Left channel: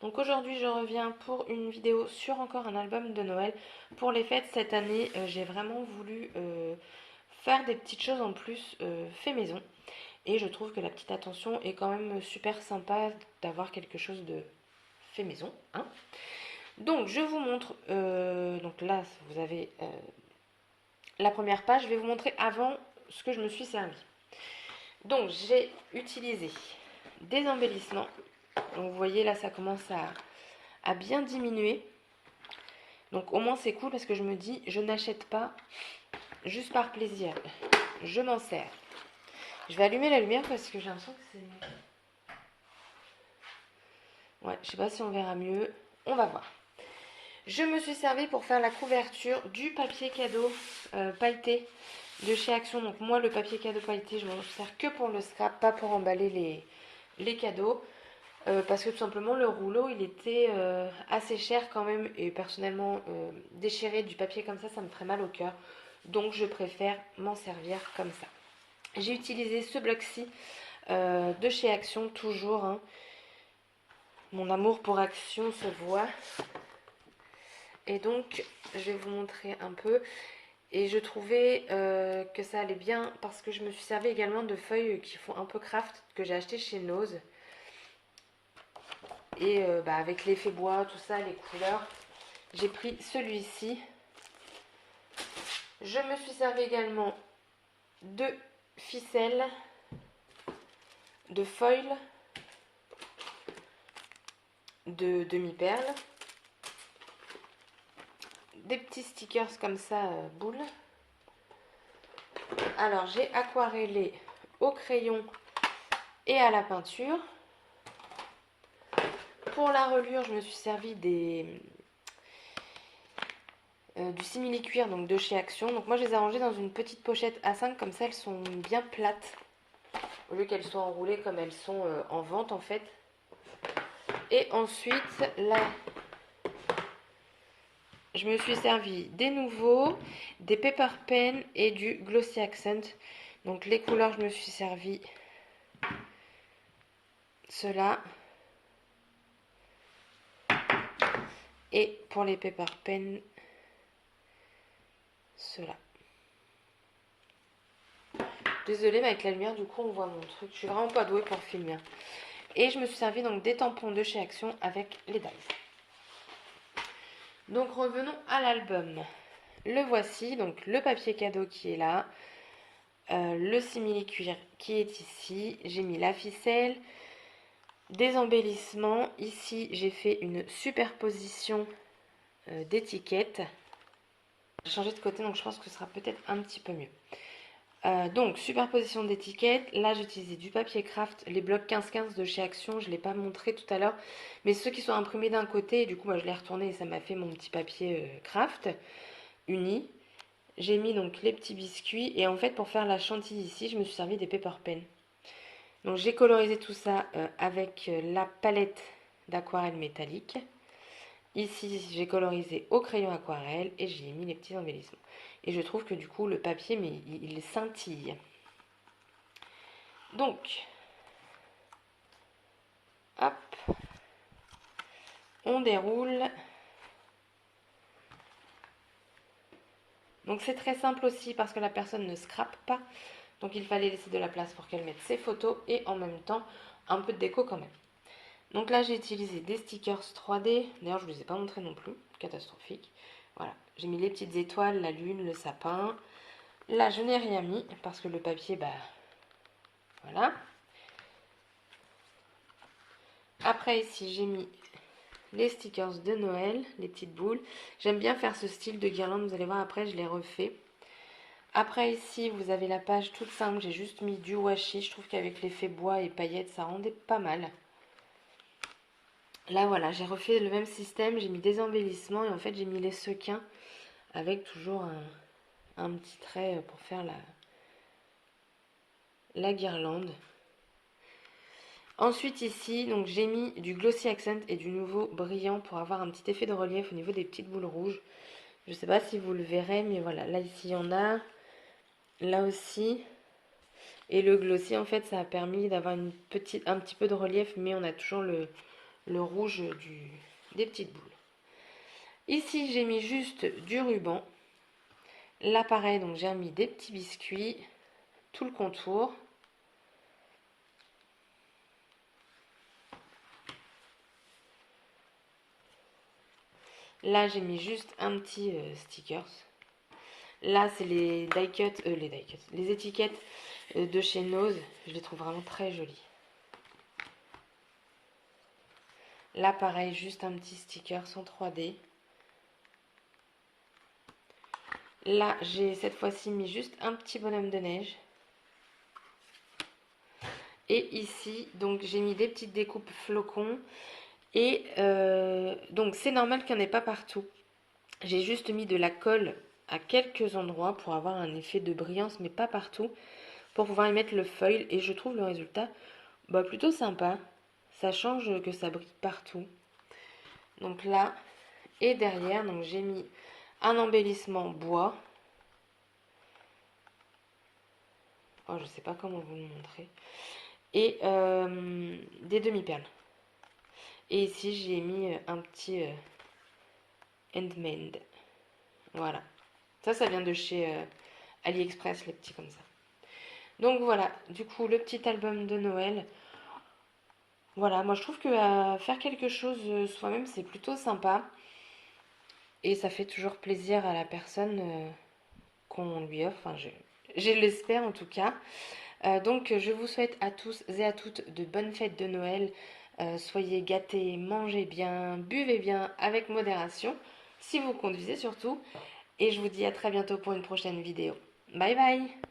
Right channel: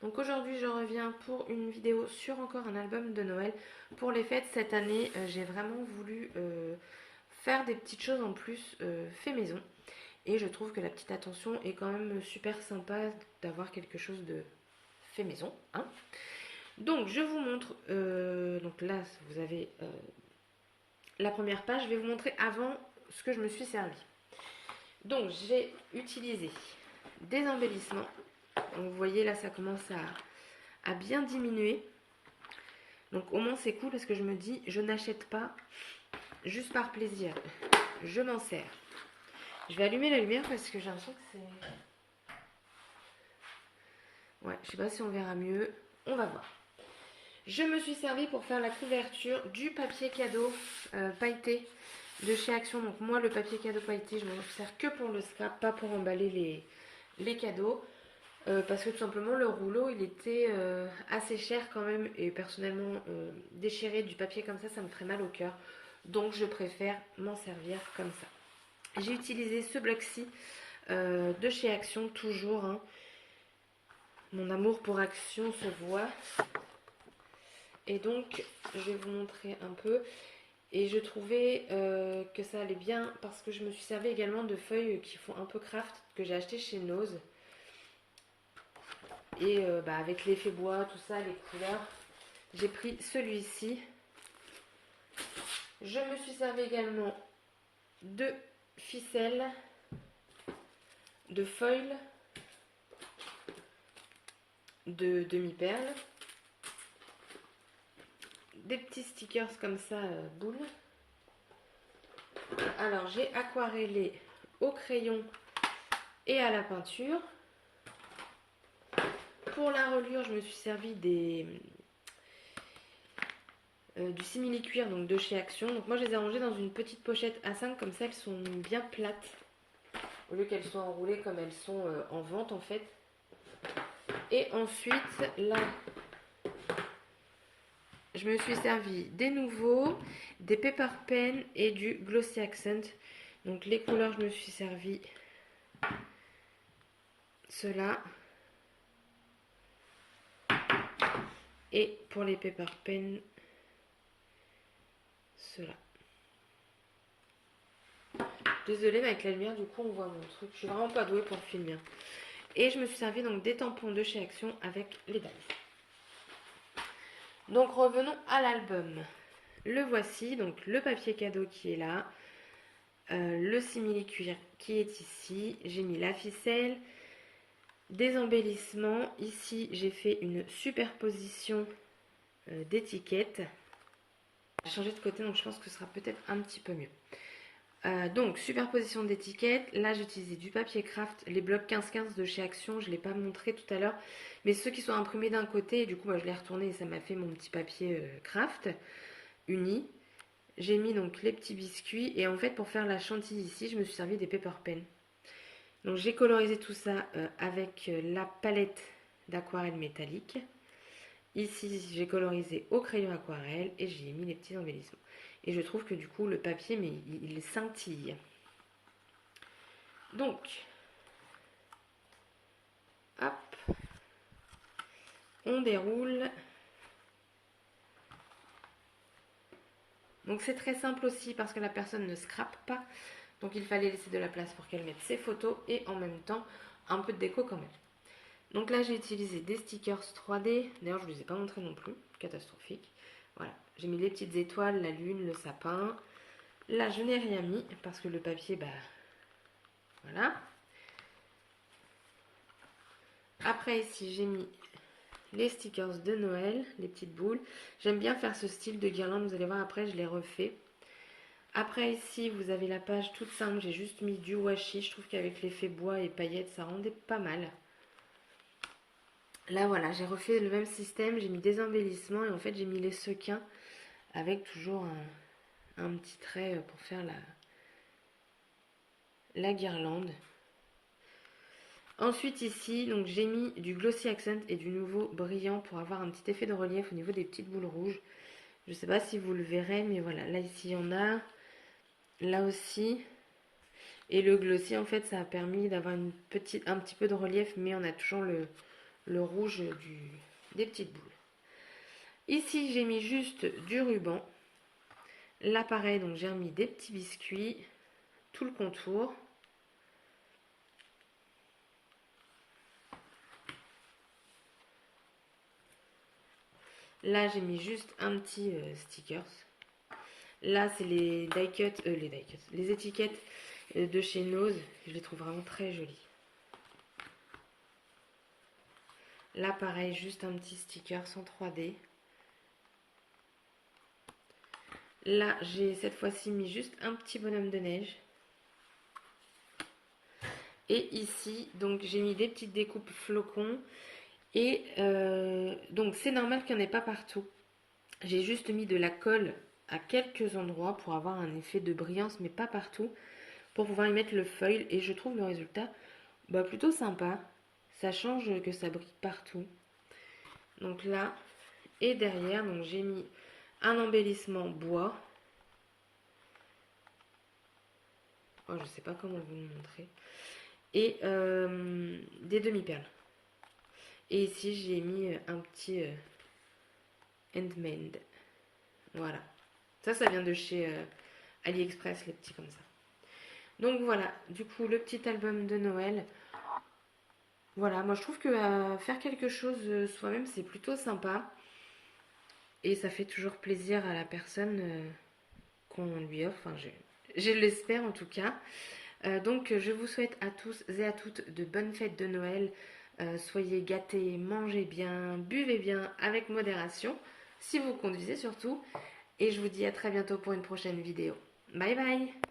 Donc aujourd'hui je reviens pour une vidéo sur encore un album de Noël. Pour les fêtes cette année, j'ai vraiment voulu faire des petites choses en plus fait maison. Et je trouve que la petite attention est quand même super sympa d'avoir quelque chose de fait maison, hein. Donc je vous montre, donc là vous avez la première page, je vais vous montrer avant ce que je me suis servi. Donc j'ai utilisé des embellissements. Donc vous voyez là ça commence à bien diminuer. Donc au moins c'est cool parce que je me dis je n'achète pas juste par plaisir. Je m'en sers. Je vais allumer la lumière parce que j'ai l'impression que c'est... Ouais, je sais pas si on verra mieux. On va voir. Je me suis servi pour faire la couverture du papier cadeau pailleté de chez Action. Donc moi le papier cadeau pailleté je m'en sers que pour le scrap, pas pour emballer les cadeaux. Parce que tout simplement le rouleau il était assez cher quand même. Et personnellement déchirer du papier comme ça me ferait mal au cœur. Donc je préfère m'en servir comme ça. J'ai utilisé ce bloc-ci de chez Action toujours, hein. Mon amour pour Action se voit. Et donc, je vais vous montrer un peu. Et je trouvais que ça allait bien parce que je me suis servi également de feuilles qui font un peu craft que j'ai acheté chez Nose. Et avec l'effet bois, tout ça, les couleurs, j'ai pris celui-ci. Je me suis servi également de ficelles, de foil, de demi-perles, des petits stickers comme ça, boules. Alors j'ai aquarellé au crayon et à la peinture. Pour la reliure, je me suis servi du simili-cuir donc de chez Action. Donc moi je les ai rangées dans une petite pochette A5, comme ça elles sont bien plates. Au lieu qu'elles soient enroulées comme elles sont en vente en fait. Et ensuite là, je me suis servi des nouveaux, des Paper Pen et du Glossy Accent. Donc les couleurs, je me suis servi ceux-là. Et pour les Paper Pen, ceux-là. Désolée, mais avec la lumière, du coup, on voit mon truc. Je suis vraiment pas douée pour filmer. Et je me suis servi donc des tampons de chez Action avec les dies. Donc revenons à l'album. Le voici, donc le papier cadeau qui est là. Le simili-cuir qui est ici. J'ai mis la ficelle. Des embellissements. Ici, j'ai fait une superposition d'étiquettes. J'ai changé de côté, donc je pense que ce sera peut-être un petit peu mieux. Donc, superposition d'étiquettes. Là, j'ai utilisé du papier craft, les blocs 15-15 de chez Action. Je ne l'ai pas montré tout à l'heure. Mais ceux qui sont imprimés d'un côté, du coup, je l'ai retourné et ça m'a fait mon petit papier craft uni. J'ai mis donc les petits biscuits. Et en fait, pour faire la chantilly ici, je me suis servi des paper pen. Donc, j'ai colorisé tout ça avec la palette d'aquarelle métallique. Ici, j'ai colorisé au crayon aquarelle et j'ai mis les petits embellissements. Et je trouve que du coup, le papier, mais il scintille. Donc, hop, on déroule. Donc, c'est très simple aussi parce que la personne ne scrape pas. Donc, il fallait laisser de la place pour qu'elle mette ses photos et en même temps, un peu de déco quand même. Donc là, j'ai utilisé des stickers 3D. D'ailleurs, je ne vous les ai pas montrés non plus. Catastrophique. Voilà, j'ai mis les petites étoiles, la lune, le sapin. Là, je n'ai rien mis parce que le papier, voilà. Après, ici, j'ai mis les stickers de Noël, les petites boules. J'aime bien faire ce style de guirlande. Vous allez voir, après, je les refais. Après, ici, vous avez la page toute simple. J'ai juste mis du washi. Je trouve qu'avec l'effet bois et paillettes, ça rendait pas mal. Là, voilà, j'ai refait le même système. J'ai mis des embellissements et en fait, j'ai mis les sequins avec toujours un petit trait pour faire la guirlande. Ensuite ici, donc j'ai mis du Glossy Accent et du nouveau brillant pour avoir un petit effet de relief au niveau des petites boules rouges. Je ne sais pas si vous le verrez, mais voilà, là ici il y en a, là aussi. Et le Glossy en fait ça a permis d'avoir un petit peu de relief, mais on a toujours le le rouge des petites boules. Ici, j'ai mis juste du ruban. Là, pareil, donc j'ai remis des petits biscuits, tout le contour. Là, j'ai mis juste un petit stickers. Là, c'est les les étiquettes de chez Nose. Je les trouve vraiment très jolies. Là, pareil, juste un petit sticker en 3D. Là, j'ai cette fois-ci mis juste un petit bonhomme de neige. Et ici, donc j'ai mis des petites découpes flocons. Et donc c'est normal qu'il n'y en ait pas partout. J'ai juste mis de la colle à quelques endroits pour avoir un effet de brillance, mais pas partout, pour pouvoir y mettre le foil. Et je trouve le résultat plutôt sympa. Ça change que ça brille partout. Donc là, et derrière, donc j'ai mis un embellissement bois. Oh, je sais pas comment vous le montrer. Et des demi-perles. Et ici, j'ai mis un petit handmade. Voilà. Ça vient de chez AliExpress, les petits comme ça. Donc voilà, du coup, le petit album de Noël. Voilà, moi je trouve que faire quelque chose soi-même, c'est plutôt sympa. Et ça fait toujours plaisir à la personne qu'on lui offre. Enfin, je l'espère en tout cas. Donc je vous souhaite à tous et à toutes de bonnes fêtes de Noël. Soyez gâtés, mangez bien, buvez bien avec modération, si vous conduisez surtout. Et je vous dis à très bientôt pour une prochaine vidéo. Bye bye!